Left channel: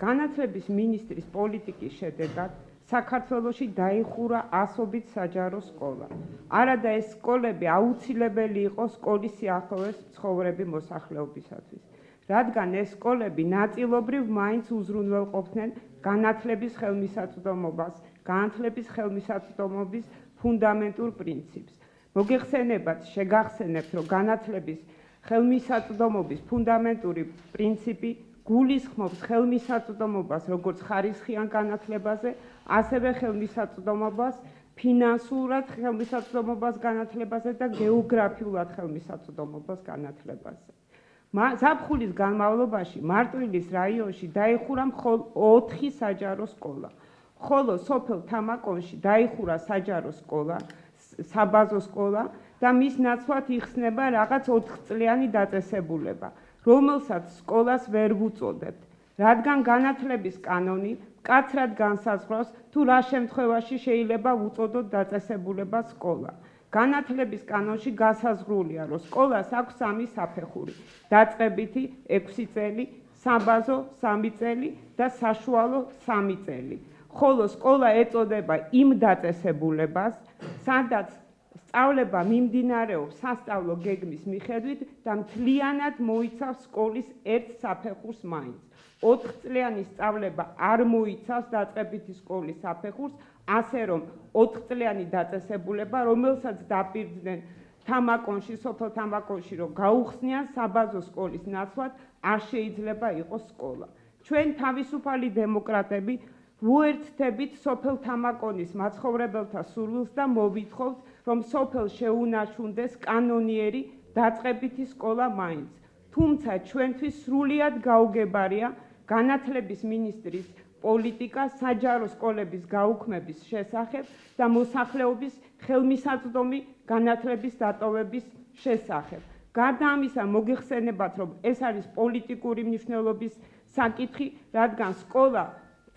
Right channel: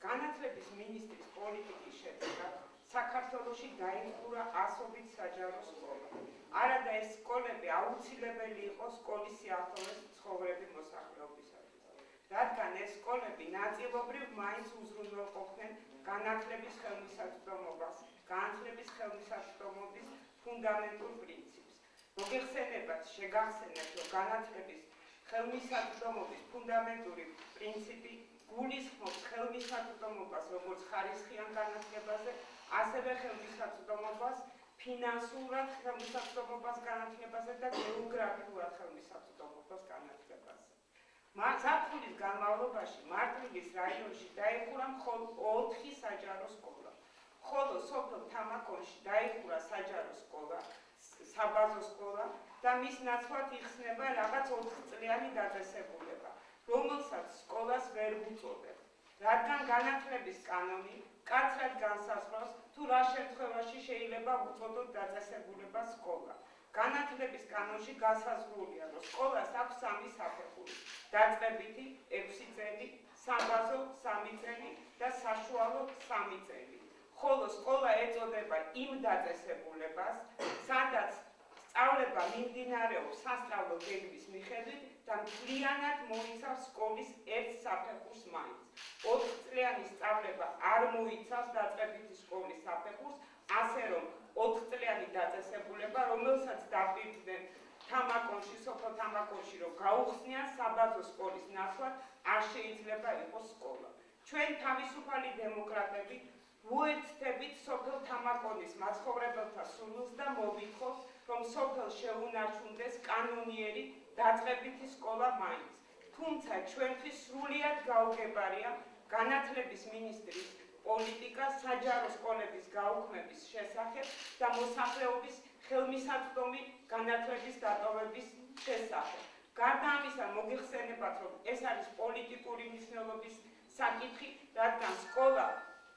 განათლების მინისტრის პოლიტიკის შედეგად საქართველოში დაიხურა ასობით საჯარო სკოლა. არადა ეს სკოლები აუცილებელი იყო სკოლის სიახლოვეს ცხოვრები მოსახლეობისათვის, რადგან ეს სკოლები ნაწილობრივ მაინც უზრუნველყოფდნენ განათლების ხელმისაწვდომობას, განათლების ხელმისაწვდომობის ფუნდამენტურ პრინციპს. მოგეხსენებათ, შეგახსენებთ, რომ განათლების ხელმისაწვდომობის ფუნდამენტური პრინციპი გულისხმობს ხელმისაწვდომობას როგორც ხარისხიან განათლებაზე, ასევე ხელმისაწვდომობას ფინანსურად ხელმისაწვდომობას განათლებაზე და გეოგრაფიულად ხელმისაწვდომობას განათლებაზე. ზაფხულის განმავლობაში მარტვილის რაიონში დაიხურა მხოლოდ 4 საჯარო სკოლა, ხოლო სოფელ თამაკონში დაიხურა საჯარო სკოლა, საბაზო სკოლა და მის ნაცვლად იხსნება რაღაც 4 წლიანი დაწესებულება, რომელსაც სკოლას ვერ ვუწოდებთ, რადგან განათლების კანონი მკაცრად განსაზღვრავს თუ რა შემთხვევაში შეიძლება უწოდოთ დაწესებულებას სკოლა. განათლების კანონში განსაზღვრულია, რომ სკოლას აქვს 3 საფეხური: დაწყებითი 6 წელი, საბაზო 3 წელი და საშუალო 3 წელი. ხოლო სკოლა ეწოდება იმ დაწესებულებას, სადაც სწავლება მიმდინარეობს სასწავლო გეგმის მიხედვით და მთლიანად მოიცავს სკოლის ერთ საფეხურს მაინც. 4 წლიანი სწავლება არ მოიცავს დაწყებითი სკოლის საფეხურს, ასე რომ 4 წლიანი დაწესებულება, რომელსაც დაპირდნენ თამაკონში, სოფელ თამაკონში, რომ გაუხსნიან საბაზო სკოლის ნაცვლად, არ შეიძლება იყოს სკოლა. ჩვენ თავისუფალი დემოკრატები ვუერთდებით სოფელ თამაკონის მაცხოვრებელთა სურვილს და მოვითხოვთ, რომ სოფელს შეუნარჩუნდეს კანონიერი დაწყებითი სკოლა მაინც. თუმცა ჩვენთვის სრულიად გაუგებარია განათლების მინისტრის პოლიტიკა საჯარო სკოლების გაუქმების შესახებ და მოსახლეობის ხელმისაწვდომი განათლების დატოვების შესახებ. გარდა ამისა, მოგეხსენებათ, რომ ეს არის პოლიტიკური მნიშვნელობის საკითხი, რადგან სკოლა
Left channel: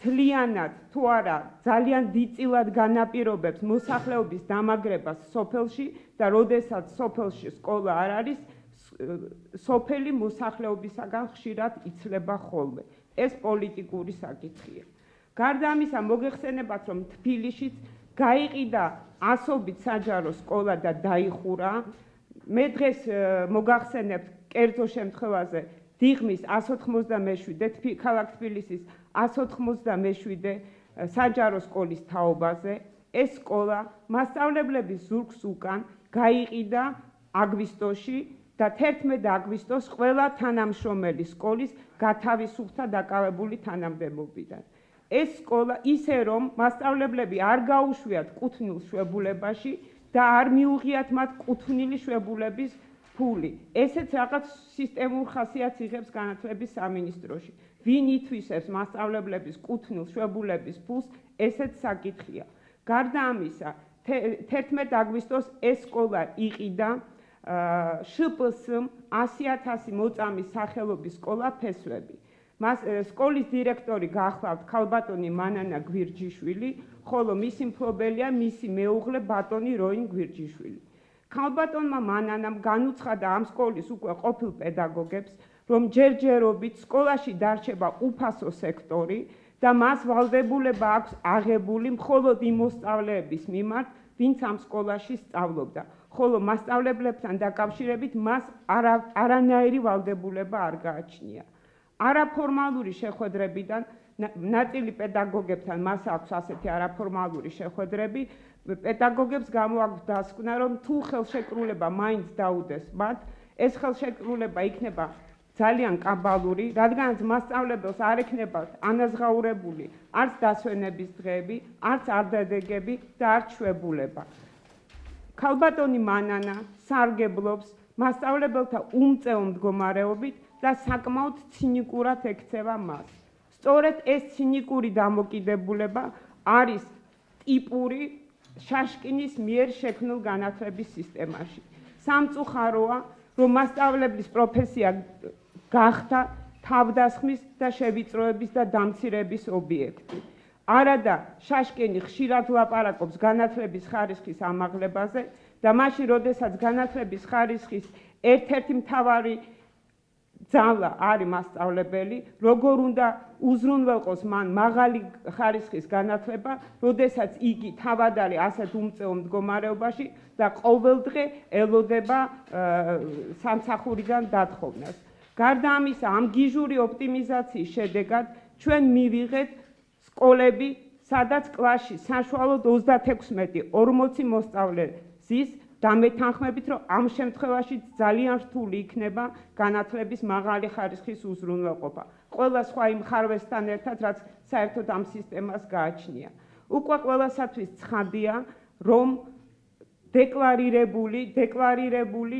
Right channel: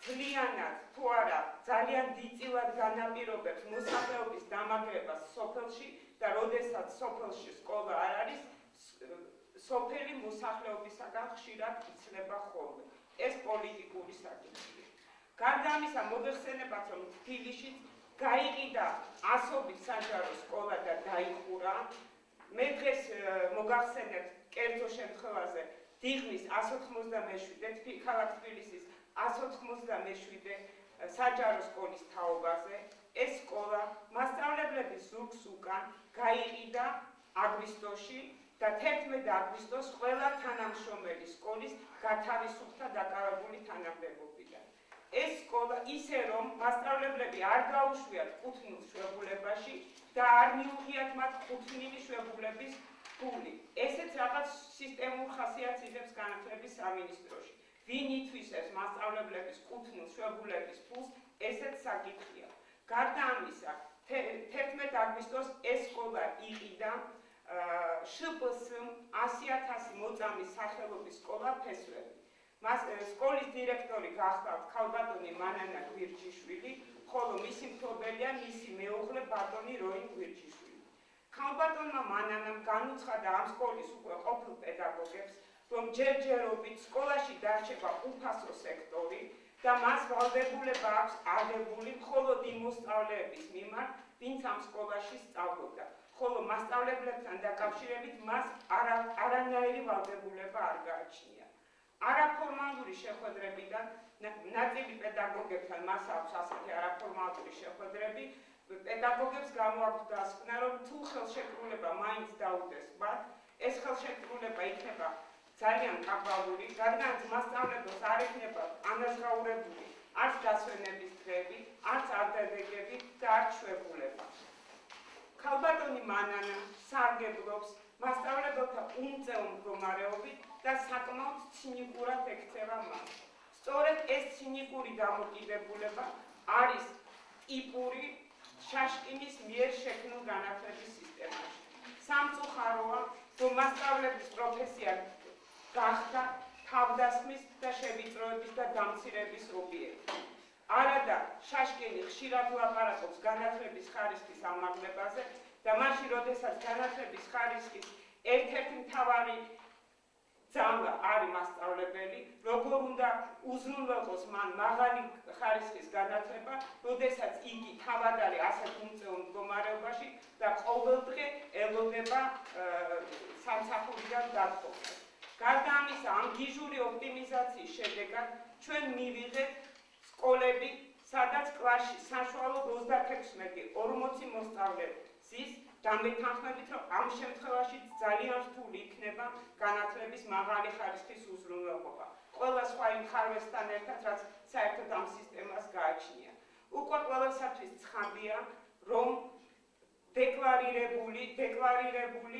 მთლიანად თუ არა ძალიან დიდწილად განაპირობებს მოსახლეობის დამაგრებას სოფელში და როდესაც სოფელში სკოლა არ არის, სოფელი მოსახლეობისაგან ხშირად იცლება ხოლმე. ეს პოლიტიკური საკითხია. გარდა ამისა, მოგეხსენებათ, რომ თბილისშიც გაიყიდა ასობით საჯარო სკოლა და დაიხურა. მე დღეს მოგახსენებთ კერძო შემთხვევაზე დიღმის 197, ქალაქ თბილისის 197 საჯარო სკოლის თაობაზე. ეს სკოლა მასწავლებლების ზურგს უკან გაიყიდა აგვისტოში და 11 აგვისტოს ყველა თანამშრომელი სკოლის გათავისუფლდა დაკავებული თანამდებობიდან. ეს სკოლა ისე რომ მასწავლებლები არ გაუშვიათ კუთვნილ შვებულებაში და არ მიუღიათ მათ კუთვნილი შვებულების ფული. ესეც რაღაც სისტემურ ხასიათს იღებს განათლების სამინისტროში. ვინ ითვისებს მასწავლებლების კუთვნილ შვებულების ფულს, ესეც საკითხია. გარდა ამისა, 11 აგვისტოს ეს სკოლა იყიდა შპს-მ 100.000 მოწამის სახელობის სკოლა ფესვები. სკოლის დირექტორი გახლავთ ქალბატონი მანანა გვირჯიშვილი, ხოლო მისი მფლობელია მისი მეუღლე ბატონი როინ გვირჯიშვილი. ქალბატონმა მანანამ განუცხადა ამ სკოლის უკვე ყოფილ პედაგოგებს, რომ ჯერჯერობით სკოლაში დარჩება უფასო სექტორი და მას ვალდებულება აქვს აღებული მხოლოდ იმ მოსწავლეების მიმართ, ვინც ამ სკოლაში სწავლობდა, ხოლო მასწავლებლებთან დაკავშირებით მას არანაირი ვალდებულება არ გააჩნია. არაფორმალური შეხვედრებიდან ნაწილი პედაგოგებთან მას აქვს ასეთი არაფორმალური შეხვედრები, პედაგოგებს გამოაქვს დასკვნა, რომ თუ ხელშეკრულება მაინც დაუდეს მათ, ეს ხელშეკრულება იქნება ძალიან კაბალური, რადგანაც მასწავლებელს არ ექნება ანაზღაურებული არც დასვენების დღეები, არც არდადეგები და არც შვებულება. ქალბატონი მანანა სარგებლობს მასწავლებელთა უმწეო მდგომარეობით და საკმაოდ ცინიკურად ექცევა მას. სწორედ ეს ცინიკური დამოკიდებულება არის ტიპური შაშკინის მიერ შექმნილ განათლების სისტემაში. სამწუხაროა, რომ მასწავლებლის პროფესია გახდა თავდასხმის და შევიწროების და დამცირების ობიექტი. არადა შაშკინი ხშირად ლაპარაკობს განათლების ხარისხის ამაღლებაზე და მაშინ, როდესაც განათლების ხარისხის ერთ-ერთი მთავარი ძალა არის მასწავლებელი, როგორ უნდა უზრუნველყოს მან მაღალი ხარისხის განათლება, როდესაც იგი თავად არის ასეთ უმწეო მდგომარეობაში და ყოველდღე ელოდება სამსახურიდან დათხოვნას. გარდა ამისა, ამ გიჟური ოპტიმიზაციის შედეგად ჩვენ მივიღეთ სკოლები, სადაც კლასში საშუალოდ 36-40 მოსწავლე ზის და მეთანხმებით, რომ ამ შემთხვევაში ძალიან რთული იქნება განათლების მაღალი ხარისხის უზრუნველყოფა. ყველა სხვა იმ ხარვესთან ერთად, რაც საერთოდ ამ სისტემას გააჩნია. უკვე ყველასათვის ცხადია, რომ დეკლარირებული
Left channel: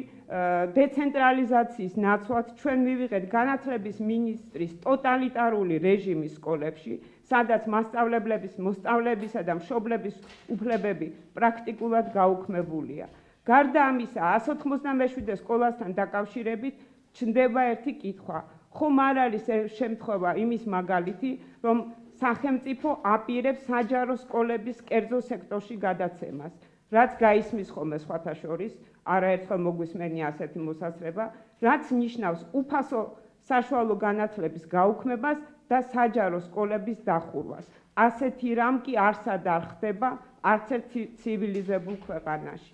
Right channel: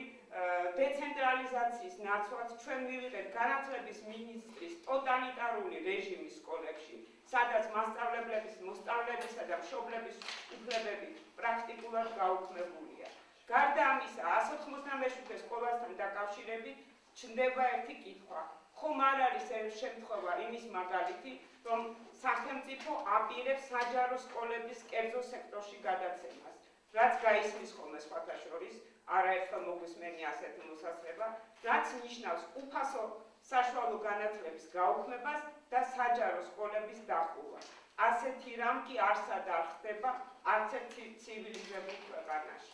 დეცენტრალიზაციის ნაცვლად ჩვენ მივიღეთ განათლების მინისტრის ტოტალიტარული რეჟიმის სკოლებში, სადაც მასწავლებლების, მოსწავლეებისა და მშობლების უფლებები პრაქტიკულად გაუქმებულია. გარდა ამისა, 197 სკოლასთან დაკავშირებით ჩნდება ერთი კითხვა. ხომ არ არის შემთხვევა იმის მაგალითი, რომ სახელმწიფო აპირებს საჯარო სკოლების კერძო სექტორში გადაცემას, რაც გაისმის ხოლმე სხვათა შორის, არაერთხელ მოგვისმენია ასეთი მოსაზრება, რაც ნიშნავს უფასო საშუალო განათლების გაუქმებას და საჯარო სკოლების დახურვას. ასეთი რამ კი არსად არ ხდება არც ერთ ცივილიზებულ ქვეყანაში.